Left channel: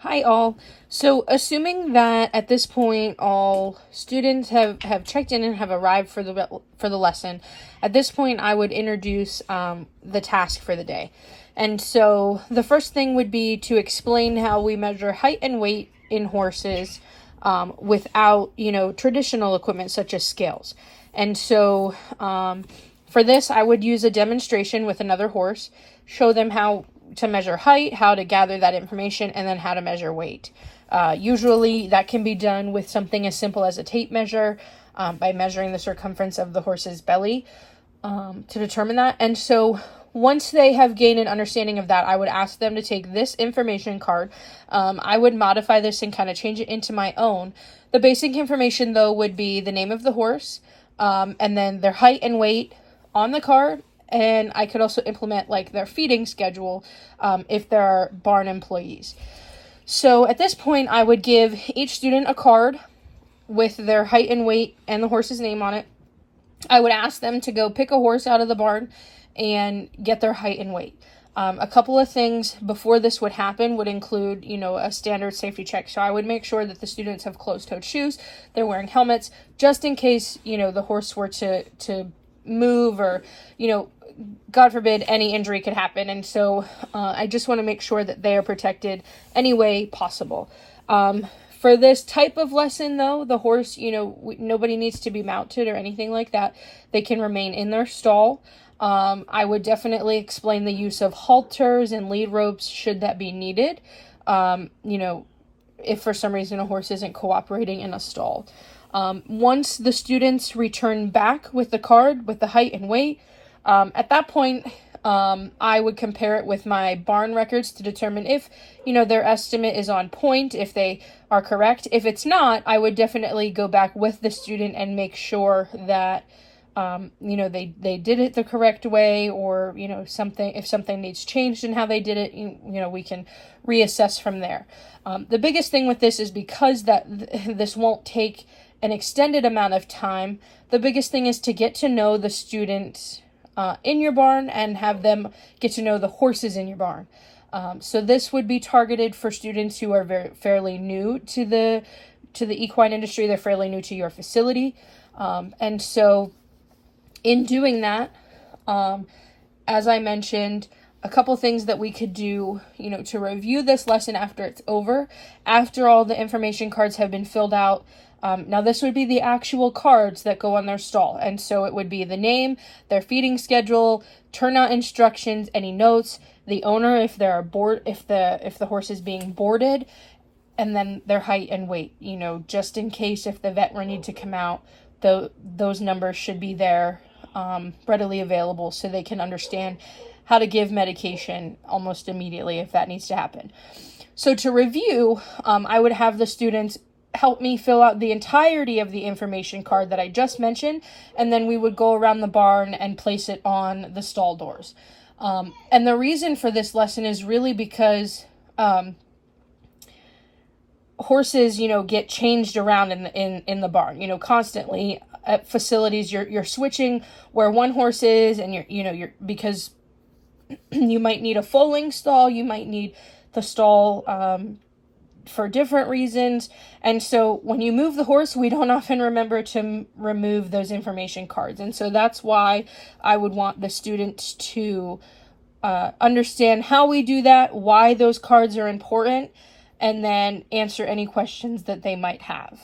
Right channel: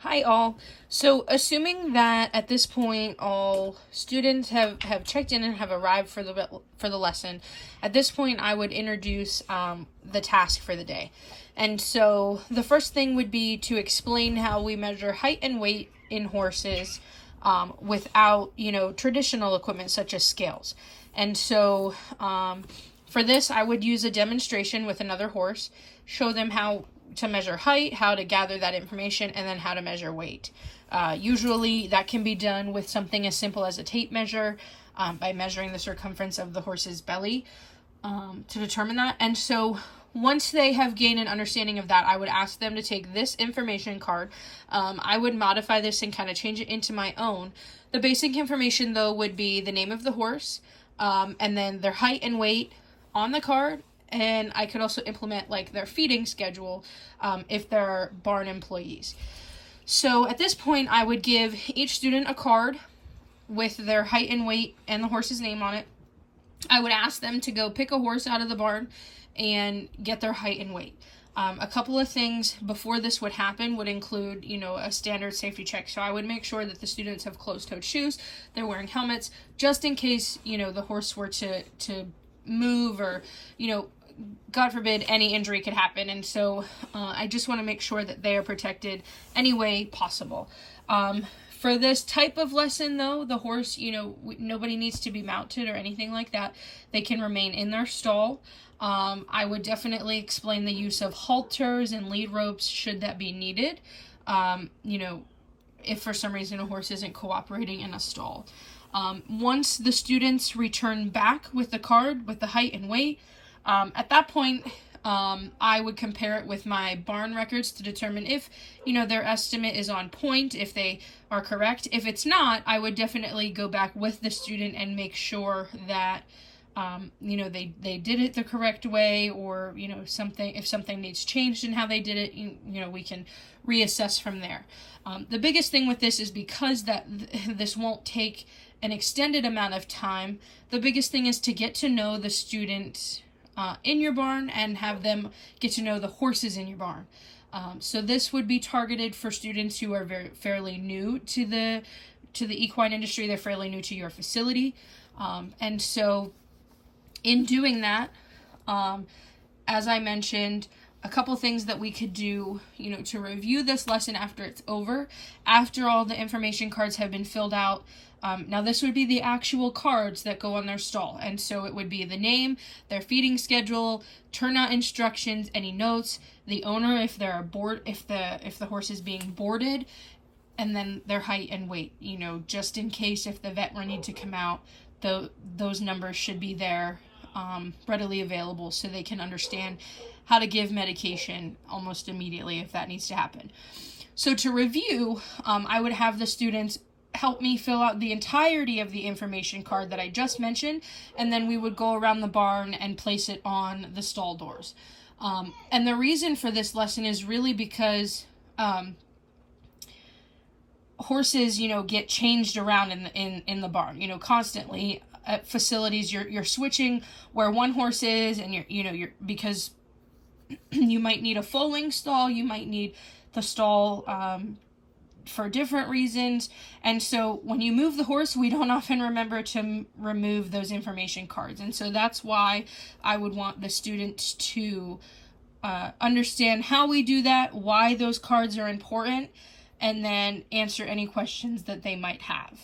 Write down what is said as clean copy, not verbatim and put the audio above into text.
Hi all. So assuming that at this point all students have checked in and have arrived for the lesson, at this point I would introduce the task for the day. And so the first thing would be to explain how we measure height and weight in horses without, traditional equipment such as scales. And so for this, I would use a demonstration with another horse, show them how to measure height, how to gather that information, and then how to measure weight. Usually that can be done with something as simple as a tape measure by measuring the circumference of the horse's belly to determine that. And so once they have gained an understanding of that, I would ask them to take this information card. I would modify this and kind of change it into my own. The basic information, though, would be the name of the horse, and then their height and weight on the card. And I could also implement like their feeding schedule if there are barn employees. So at this point, I would give each student a card with their height and weight and the horse's name on it. I would ask them to go pick a horse out of the barn and get their height and weight. A couple of things before this would happen would include, a standard safety check. So I would make sure that the students have closed-toed shoes, they're wearing helmets, just in case, the horse were to move or, God forbid, any injury could happen. And so I just want to make sure that they are protected any way possible. For this type of lesson, though, the horse, nobody needs to be mounted or anything like that. They can remain in their stall. I would definitely explain the use of halters and lead ropes should that be needed. If for some reason a horse isn't cooperating in a stall. Once the students return back with the card with the height and weight, at that point, I would compare it with my barn records to determine if, their estimate is on point, if they are correct. If it's not, I would definitely go back with the student and make sure that, they did it the correct way, or, if something needs changed in how they did it, we can reassess from there. The biggest thing with this is because this won't take an extended amount of time, the biggest thing is to get to know the students in your barn and have them get to know the horses in your barn. So this would be targeted for students who are fairly new to the equine industry. They're fairly new to your facility. And so in doing that, as I mentioned, a couple things that we could do, to review this lesson after it's over, after all the information cards have been filled out. Now this would be the actual cards that go on their stall. And so it would be the name, their feeding schedule, turnout instructions, any notes, the owner if the horse is being boarded, and then their height and weight, just in case if the vet were need to come out, those numbers should be there, readily available so they can understand how to give medication almost immediately if that needs to happen. So to review, I would have the students help me fill out the entirety of the information card that I just mentioned, and then we would go around the barn and place it on the stall doors. And the reason for this lesson is really because horses, get changed around in the barn, constantly at facilities. You're switching where one horse is, and you're because you might need a foaling stall, you might need the stall for different reasons. And so when you move the horse, we don't often remember to remove those information cards. And so that's why I would want the students to understand how we do that, why those cards are important, and then answer any questions that they might have.